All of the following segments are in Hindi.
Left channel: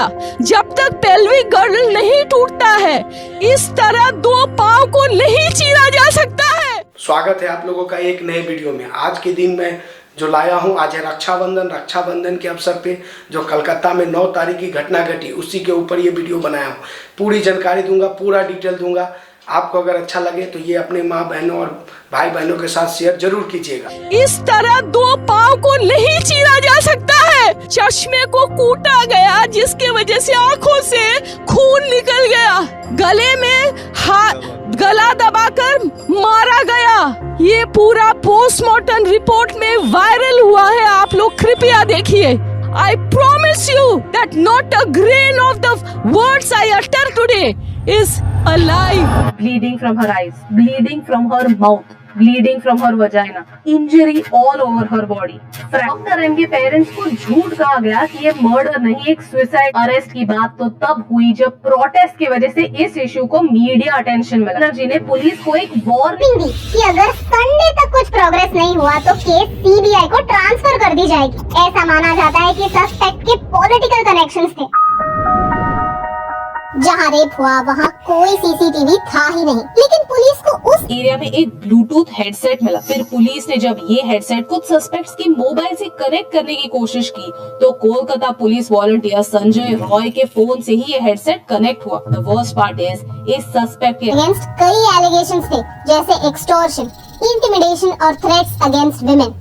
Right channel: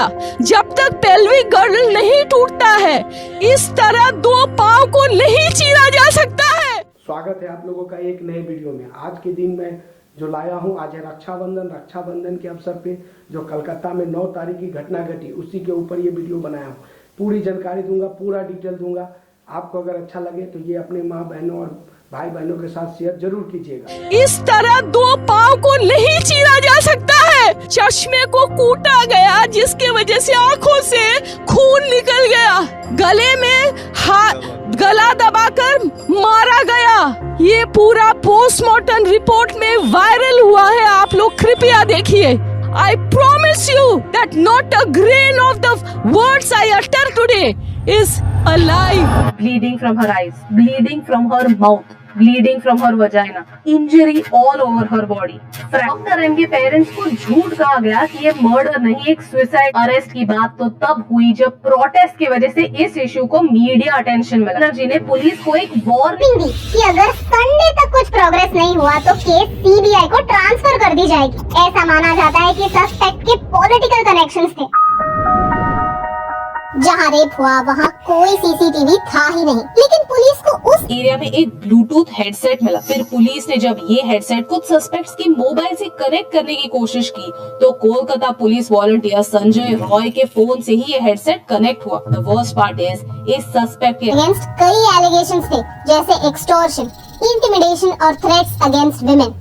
गया। जब तक पेल्विक गर्डल नहीं टूटता है, इस तरह दो पाँव को नहीं चीरा जा सकता है। स्वागत है आप लोगों का एक नए वीडियो में। आज के दिन मैं जो लाया हूं, आज है रक्षाबंधन के अवसर पे जो कलकत्ता में 9 तारीख की घटना घटी, उसी के ऊपर ये वीडियो बनाया हूं। पूरी जानकारी दूंगा, पूरा डिटेल दूंगा। आपको अगर अच्छा लगे तो ये अपने माँ बहनों और भाई बहनों के साथ शेयर जरूर कीजिएगा। इस तरह दो पाँव को नहीं चीरा जा सकता है। चश्मे को कूटा गया, जिसके वजह से आंखों से खून निकल गया। गले में गला दबाकर मारा गया। ये पूरा पोस्टमार्टम रिपोर्ट में वायरल हुआ है। आप लोग कृपया देखिए। I promise you that not a grain of the words I utter today is a lie. Bleeding from her eyes, bleeding from her mouth, bleeding from her vagina, injury all over her body. Doctor M के पेरेंट्स को झूठ कहा गया कि ये मर्डर नहीं, एक सुसाइड। अरेस्ट की बात तो तब हुई जब प्रोटेस्ट की वजह से इस इशू को मीडिया अटेंशन मिला। जी ने पुलिस को एक वार्निंग दी कि अगर संडे तक कुछ प्रोग्रेस नहीं हुआ तो केस सीबीआई को ट्रांसफर कर दी जाएगी। ऐसा माना जाता है कि सस्पेक्ट के पॉलिटिकल कनेक्शंस थे। जहाँ रेप हुआ वहाँ कोई सीसीटीवी था ही नहीं, लेकिन पुलिस को उस एरिया में एक ब्लूटूथ हेडसेट मिला। फिर पुलिस ने जब ये हेडसेट कुछ सस्पेक्ट्स की मोबाइल से कनेक्ट करने की कोशिश की तो कोलकाता पुलिस वॉलंटियर संजय रॉय के फोन से ही ये हेडसेट कनेक्ट हुआ। द वर्स्ट पार्ट इज इस सस्पेक्ट के अगेंस्ट कई एलिगेशंस थे, जैसे एक्सटॉर्शन, इंटिमिडेशन और थ्रेट्स अगेंस्ट विमेन।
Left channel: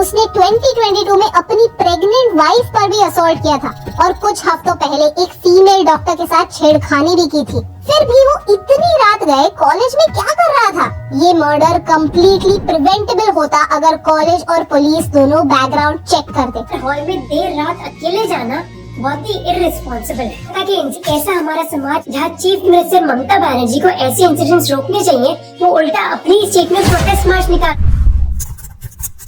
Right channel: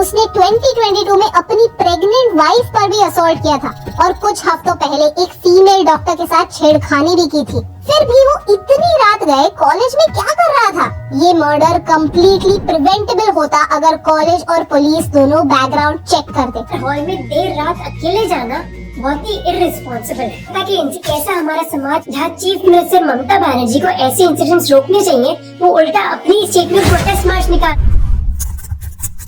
उसने 2022 में अपनी प्रेग्नेंट वाइफ पर भी असॉल्ट किया था और कुछ हफ्तों पहले एक फीमेल डॉक्टर के साथ छेड़खानी भी की थी। फिर भी वो इतनी रात गए कॉलेज में क्या कर रहा था? ये मर्डर कम्प्लीटली प्रिवेंटेबल होता अगर कॉलेज और पुलिस दोनों बैकग्राउंड चेक करते। हॉल में देर रात अकेले जाना बहुत ही इररिस्पॉन्सिबल है। ताकि ऐसा हमारा समाज जहाँ चीफ मिनिस्टर ममता बनर्जी को ऐसे इंसिडेंट्स रोकने चाहिए, वो उल्टा अपनी स्टेट में प्रोटेस्ट मार्च निकाल।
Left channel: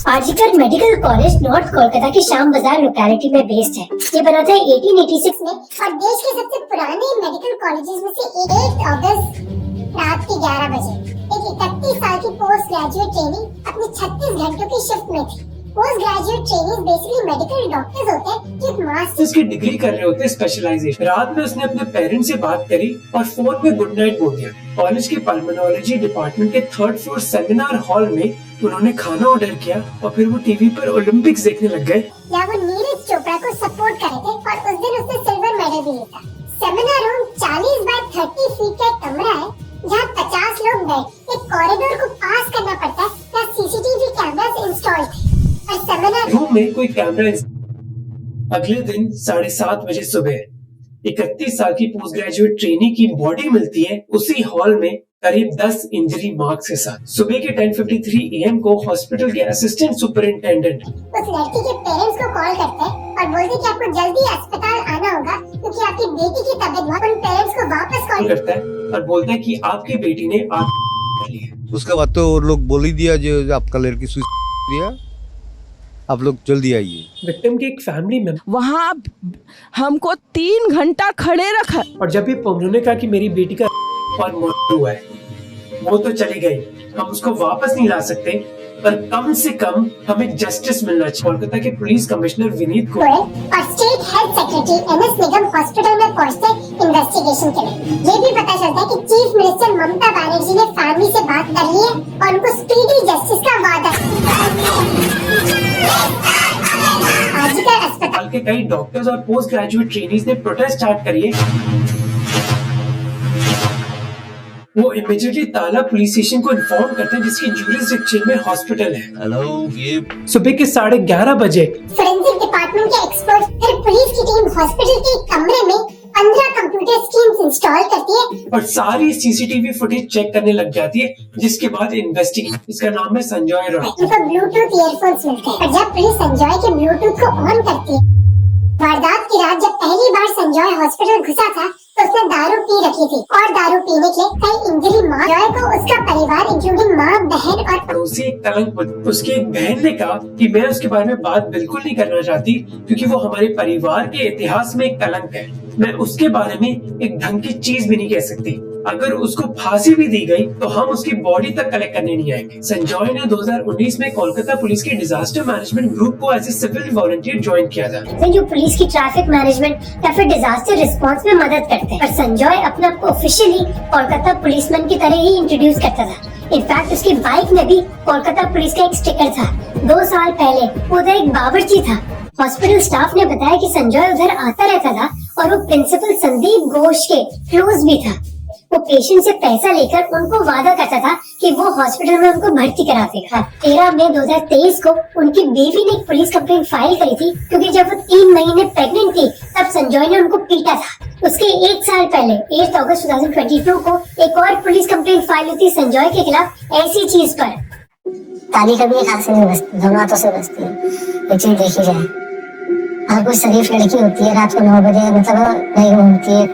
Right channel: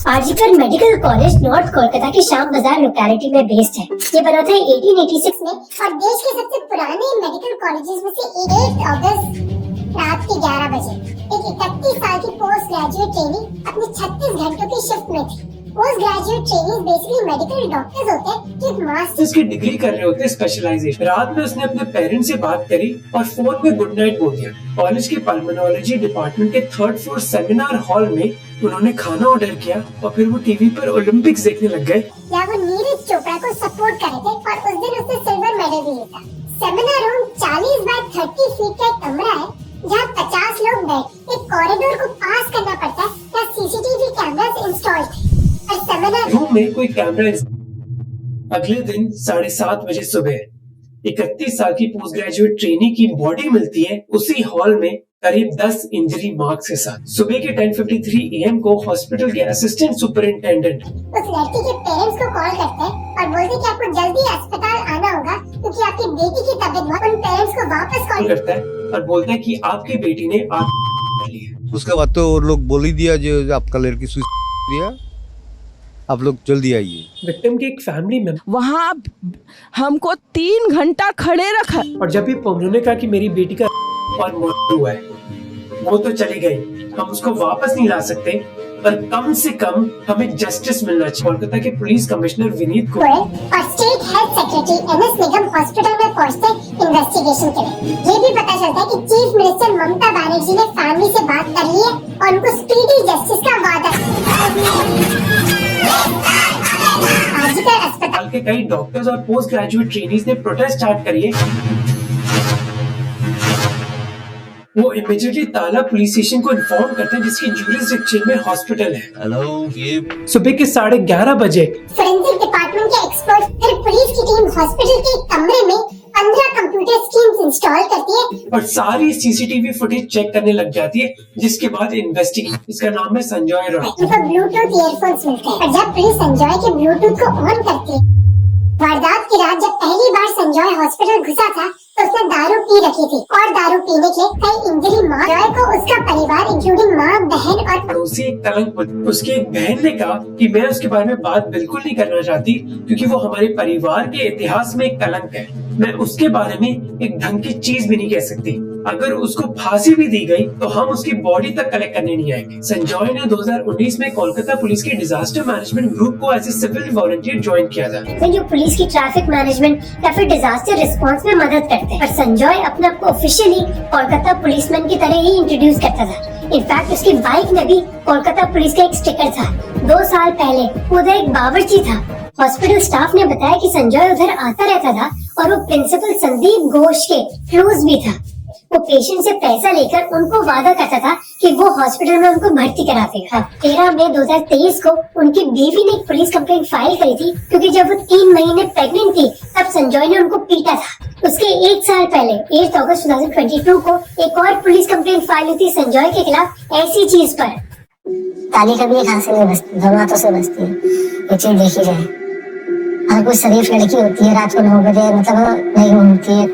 RG Kar medical college north Kolkata की श्याम बाजार लोकेलिटी पे बेस्ड है। ये बना था 1886 में और देश के सबसे पुराने मेडिकल कॉलेजेस में से 1 अगस्त रात के 11 बजे एक 31 साल की पोस्ट ग्रेजुएट ट्रेनिंग अपने 36 घंटों की शिफ्ट में थी। Post graduate training basically medical doctors होते हैं जो मास्टर्स की डिग्री कर रहे होते हैं, स्पेशलाइजेशन। रात में उसने अपने पेरेंट्स से बात करी और फोन में गुड नाइट बोल दिया। कॉलेज के पल्मोनोलॉजी डिपार्टमेंट के 3rd फ्लोर सेमिनार हॉल में उन्होंने खाना ऑर्डर किया और फिर वो टीवी पर ओलंपिक्स देखने लग गए। या वो नीरज चोपड़ा को सपोर्ट कर रहे थे और उस दिन उसने सिल्वर मेडल भी जीता। सेमिनार रूम 40 बाय 30 फीट का एक कमरा है जहाँ 50 लोग बैठ एक कॉरिडोर को पास करना पड़ता है। यहाँ सीसीटीवी कैमरास इंस्टॉल थे और सेमिनार रूम में कोई कैमरा। अगले दिन 7:30 बजे सुबह 31 साल की पोस्ट ग्रेजुएट ट्रेनी की बॉडी मिलती है उसी हॉल में करीब 10 इंजरी मार्क्स के साथ। सुबह के 10:53 AM को हॉस्पिटल के असिस्टेंट सुपरिंटेंडेंट उस लड़की के पेरेंट्स को कॉल करते हैं और बोलते हैं कि आपको जल्दी अस्पताल आना होगा क्योंकि आपकी बेटी की तबीयत। उन पेरेंट्स को वापस कॉल करता है और बोलता है कि आपकी बेटी ने आत्महत्या ली है। उसके बाद तो लोग बोल ही दिया जो आपका लड़की सुसाइड दिया, आप लोग जल्दी आइए। विक्टिम के एक फैमिली मेंबर वहाँ हमको 3 घंटा खड़े रखा और जब भी उन्होंने कहा कि मेरी बेटी का और मर्डर हुआ है, वो तो चली गई, हम उसको वापस नहीं ला सकते, पर कम से कम हमें जस्टिस मिलना चाहिए। कोलकाता के पुलिस कमिश्नर विनीत को और स्टेट हेल्थ सेक्रेटरी एमएस निगम हॉस्पिटल में पहुंचते इन्वेस्टिगेशन के लिए। ये भी पता चलता है कि चीफ मिनिस्टर ममता बनर्जी ने फैमिली से बात कर ली है और उनको स्पीडी जस्टिस का वादा। अस्पताल के कई डॉक्टर्स और पोस्ट ग्रेजुएट ट्रेनीज ने प्रोटेस्ट स्टार्ट करी है। वो इमीडिएटली ताला पुलिस स्टेशन को इन्फॉर्म करते हैं जिसकी ज्यूरिसडिक्शन में हॉस्पिटल है। सुबह के 11:30 बजे फोरेंसिक डिपार्टमेंट के एक्सपर्ट फिर पुलिस की टीम हॉस्पिटल के कमरे में 15 कंप्यूटर स्क्रीन्स इंस्टॉल करती है और सारी सीसीटीवी फुटेज चेक करने लग जाती है, जिसके बाद इन्वेस्टिगेशन। इसका नाम है संजय रॉय। उनको ब्लूटूथ ईयरफोन्स मिलते हैं और जब पुलिस संजय के ब्लूटूथ को ऑन करती है। वारदात की रात जब पहली बार संजय हॉस्पिटल घुसा था तो उसने दारू पी रखी थी और दारू पीने के कई इंजरी मार को उसका परिवार इंक्लूडिंग माँ, बहन और पड़ोसी एक कलंक। उसकी एक बहन ने कहा कि मैं उसके बारे में बात बिल्कुल नहीं करना चाहती क्योंकि वो हमारे परिवार के इतिहास में एक कलंक है। मैं उसके बारे में एक ढंग की चीज भी नहीं कह सकती। अगर उसको फांसी भी दी गई तो हम उसकी बॉडी तक कलेक्ट करने नहीं आएंगे। संजय ने 2019 में कोलकाता पुलिस के डिजास्टर मैनेजमेंट ग्रुप को as a civil volunteer join किया था, जो पुलिस की ट्रैफिक मैनेजमेंट या फिर डिजास्टर रिस्पांस में मदद करते हैं। पर संजय अपने आप को ऑफिशियली कोलकाता पुलिसमैन की तरह ही इंट्रोड्यूस करता था। इनफैक्ट उसकी बाइक में भी कोलकाता पुलिस का एक स्टिकर था। 2 साल पहले उधर एक बावर्ची था। हॉस्पिटल स्टाफ ने बताया कि संजय उधर आता रहता था और वो प्रिंसिपल संदीप घोष के क्लोज भी था। वो पेशेंट से पैसा लेकर उनको वादा करता था कि वो हॉस्पिटल में उनको भर्ती करा देगा। 13 मई 2023 को उनकी बीवी ने एक पुलिस कंप्लेंट फाइल करी थी, क्योंकि जब वो 3 महीने प्रेग्नेंट थी तब संजय ने उनको पीटा था। उसके 1 साल पहले 8 अगस्त 2022 को एक और पुलिस कंप्लेंट फाइल हुई थी संजय के खिलाफ ऐसी चीज पर। ताली कभी एक हाथ से नहीं बजती, दोनों हाथों से बजती है। ये चीज देखी जाए, अगर कोई शरीफ लड़की होती है रात को 9 बजे मतलब नहीं घूमती है,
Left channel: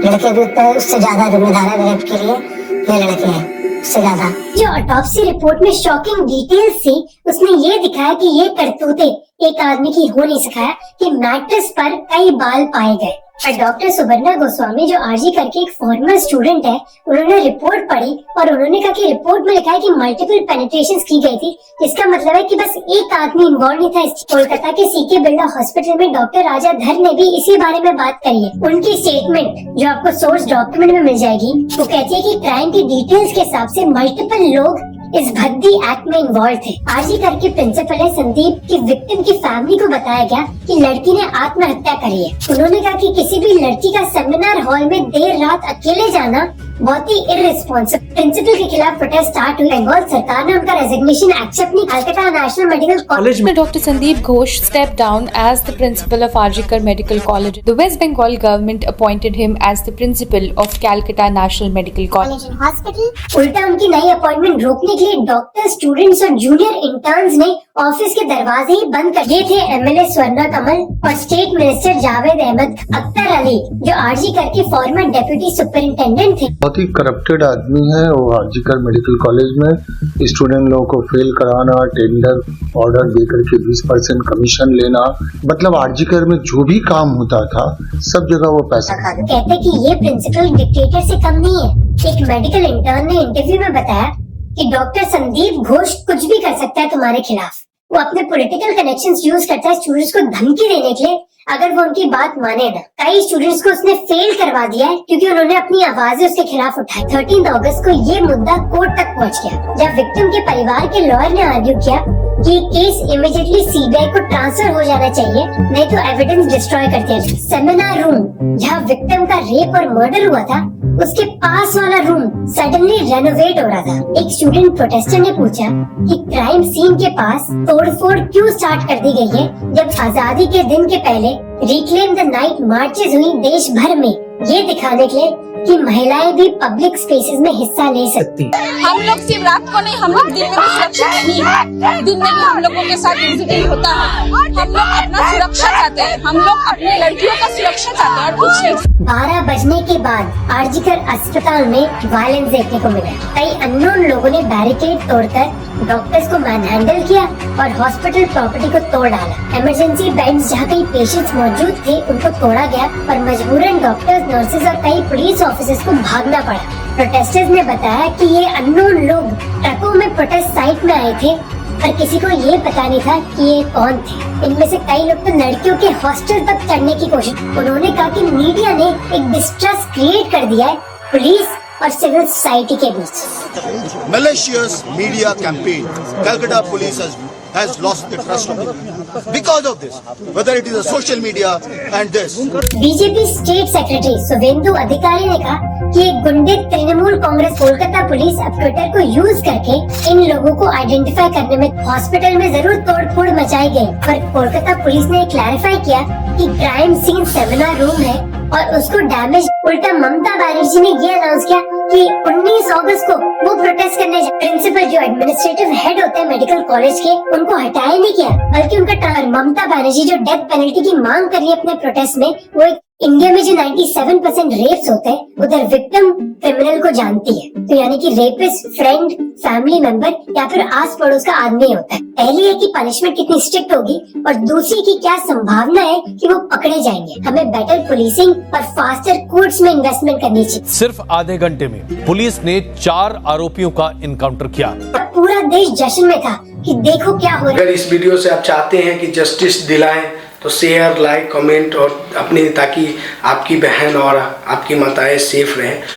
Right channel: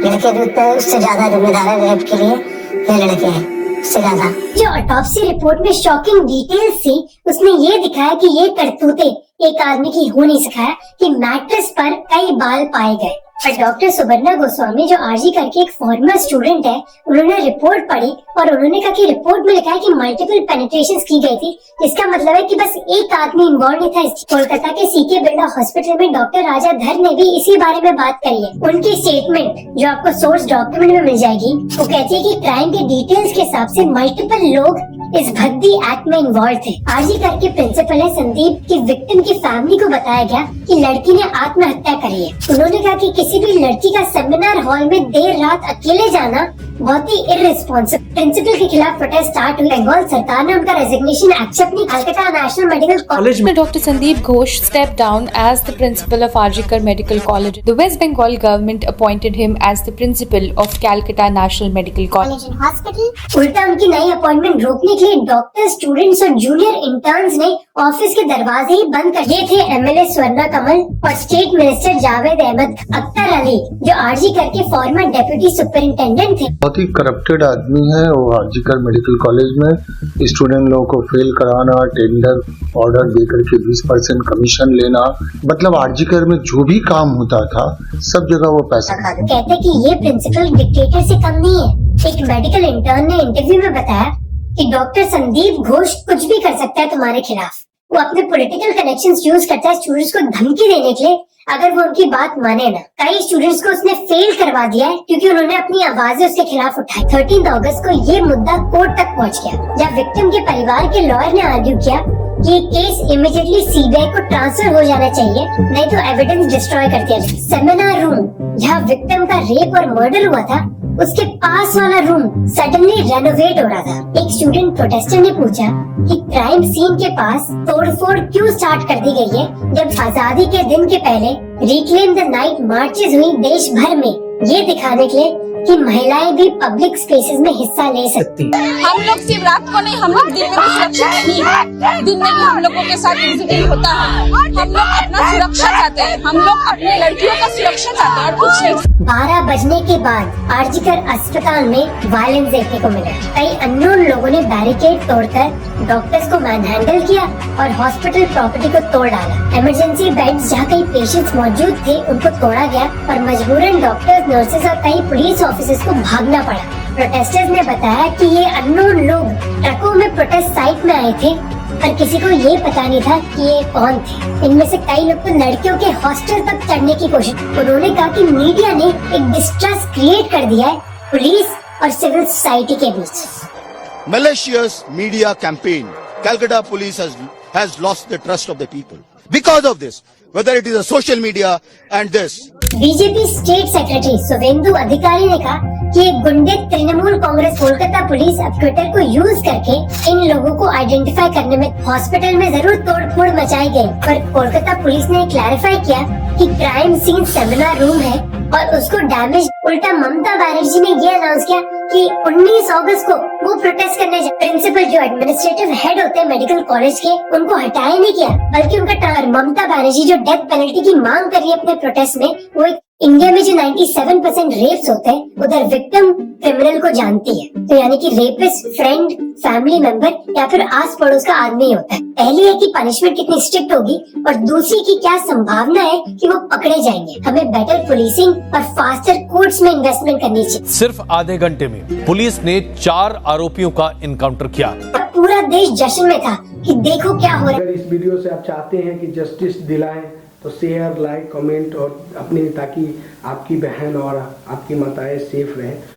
लड़के भी उतने उससे ज्यादा जिम्मेदार है रेप के लिए, ये लड़के हैं उससे ज्यादा। जो ऑटोप्सी रिपोर्ट में शॉकिंग डिटेल्स थी, उसने ये दिखाया कि ये करतूतें एक आदमी की हो नहीं सकाया कि मैट्रेस पर कई बाल पाए गए। पर डॉक्टर सुबर्णा गोस्वामी जो आरजी करके एक फॉर्मर स्टूडेंट है, उन्होंने रिपोर्ट पढ़ी और उन्होंने कहा कि रिपोर्ट में लिखा है कि मल्टीपल पेनिट्रेशंस की गई थी, जिसका मतलब है कि बस एक आदमी इन्वॉल्व नहीं था। कोलकाता के सीके बिरला हॉस्पिटल में डॉक्टर राजा धर ने भी इसी बारे में बात करी है। उनकी स्टेटमेंट जो आपको सोर्स डॉक्यूमेंट में मिल जाएगी, वो कहती है कि क्राइम के डिटेल्स के हिसाब से मल्टीपल लोग इस भद्दी एक्ट में इन्वॉल्व थे। आरजी करके प्रिंसिपल है संदीप की विक्टिम की फैमिली को बताया गया कि लड़की ने आत्महत्या करी है। उन्होंने कहा कि किसी भी लड़की का सेमिनार हॉल में देर रात अकेले जाना बहुत ही इररिस्पॉन्सिबल। प्रिंसिपल के खिलाफ प्रोटेस्ट स्टार्ट हुई। बंगाल सरकार ने उनका रेजिग्नेशन एक्सेप्ट नहीं। कलकत्ता नेशनल मेडिकल कॉलेज में Dr. Sandeep Ghosh stepped down as the principal of RGKar Medical College. The West Bengal government appointed him as the principal of Calcutta National Medical College and Hospital. उल्टा उनकी नई अपॉइंटमेंट रोकने के लिए डॉक्टर, स्टूडेंट्स और जूनियर इंटर्न्स ने ऑफिस के दरवाजे ही बंद कर दिए थे। एमएलए स्वर्णा कमल और स्टेट मिनिस्टर जावेद अहमद अख्तर अली जो आरजी करके फॉर्मर डेप्यूटी सुपरिंटेंडेंट थे। बहुत ही करप्टेड आदमी है वो। आरजीकर मेडिकल कॉलेज में स्टूडेंट लोगों को फेल कराना, टेंडर ऑर्डर देकर के 20% कमीशन लेना, मतलब आरजीकर में जो भी काम होता था सब जगह वो पैसा कहते कि ये प्रिंसिपल डिक्टेटर से कम नहीं है। एक मेडिकल इंटर्न ने इंटरव्यू में बताया कि डॉक्टर संदीप घोष कुछ भी कर सकता है तुम्हारे खिलाफ। वो अपने पॉलिटिकल कनेक्शंस यूज करता है स्टूडेंट्स को धमकी देने के लिए, अगर वो उनकी बात माने ना। कई स्टूडेंट्स को उसने फेल करवा दिया है क्योंकि उन्होंने अपनी आवाजें उसके खिलाफ उठाई। 13 अगस्त को ये मुद्दा कोर्ट तक पहुंच गया, जब विक्टिम के परिवार के लॉयर ने आर्ग्यू किया कि ये केस इमीडिएटली सीबीआई को ट्रांसफर हो जाना चाहिए, नहीं तो एविडेंस डिस्ट्रॉय कर दिया जाए। सेमिनार रूम जहाँ विक्टिम का रेप और मर्डर हुआ था, उसके पास वाला रूम सडनली रेनोवेट हो रहा था। एक स्टूडेंट प्रोटेस्टर ने पूछा कि क्राइम सीन के पास तोड़फोड़ क्यों स्टार्ट कर दी गई है, जब आजादी के दिन के पहले रिक्लेम द नाइट मार्चेस हुई देश भर में, ये दिखाने के लिए कि महिलाएं भी पब्लिक स्पेसेस में हिस्सा ले सकती। हम लोग सिर्फ रात को नहीं, हम लोग दिन में भी सुरक्षित नहीं है। दिन में भी हम लोगों के साथ विजिटिंग होता है। हम लोग अपना सुरक्षा चाहते हैं, हम लोग अपनी लड़कियों का सुरक्षा चाहते हैं और कुछ नहीं। 12 बजने के बाद आरजीकर अस्पताल में वायलेंस देखने को मिला। कई अननोन लोगों ने बैरिकेड तोड़कर डॉक्टर्स को मैनहैंडल किया और हॉस्पिटल प्रॉपर्टी को तोड़ डाला। इमरजेंसी बेड्स जहाँ कई पेशेंट्स मौजूद थे उनको तोड़ा गया और मजबूरन डॉक्टर्स, नर्सेज और कई पुलिस ऑफिसर्स को भागना पड़ा। प्रोटेस्टर्स ने बताया कि ये अननोन लोग ट्रकों में प्रोटेस्ट साइट में आए थे और किसी को ये पता नहीं था कि ये कौन थे। इनमें से कई लोग तो लड़कियों के हॉस्टल तक चढ़ने की कोशिश। उन्होंने कहा कि मीडिया ने एक डिस्ट्रस्ट क्रिएट कर दिया है पुलिस और सिविल सोसाइटी के बीच। Malicious media campaign. Calcutta police has lost the trust of the people because of this. Whether it is a social media and this. BJP state secretary Suvendu Adhikari ने कहा कि गुंडे तृणमूल कांग्रेस कोलकाता पुलिस अब ट्विटर को यूज करके इन लोगों को आइडेंटिफाई करने में हॉस्पिटल में जरूर तोड़फोड़ मचाई गई, पर कोलकाता पुलिस ने क्लैरिफाई किया कि क्राइम सीन सेमिनार रूम है और उसको डैमेज। उल्टा ममता बनर्जी ने ये अनाउंस किया कि 19 अगस्त को वो प्रोटेस्ट करने जाए। प्रिंसिपल जो एडमिनिस्ट्रेटिव हेड होते हैं मेडिकल कॉलेज के, उनको हटाया नहीं किया, बल्कि उनका ममता बनर्जी जो डेथ पेनल्टी की मांग कर रही है अपने प्रोटेस्ट में, वो एक इंडिया में जो 97% रेप्स होते हैं उधर विक्टिम क्रिमिनल को जानती है, तो यानी कि रेपिस्ट फ्रेंड, फैमिली मेंबर या फिर आस पड़ोस का आदमी होता है। पहली है कि पनिशमेंट कितनी स्ट्रिक्ट होगी और दूसरी की क्या संभावना है कि वो पकड़े जाएंगे। हमें बेटर पुलिसिंग और फास्टर कोर्ट्स में इन्वेस्टमेंट करनी चाहिए। सिर्फ आधे घंटे में पुलिस ने 4 आरोपियों का इनकाउंटर किया। पूरा देश जश्न में था कि देखो क्या हो रहा है। अगर इस वीडियो से आप चाहते हैं कि जस्टिस दिलाएं तो शेयर, लाइक, कमेंट और अपनी, ताकि आपकी बहन और आपकी माताएं सेफ रहें।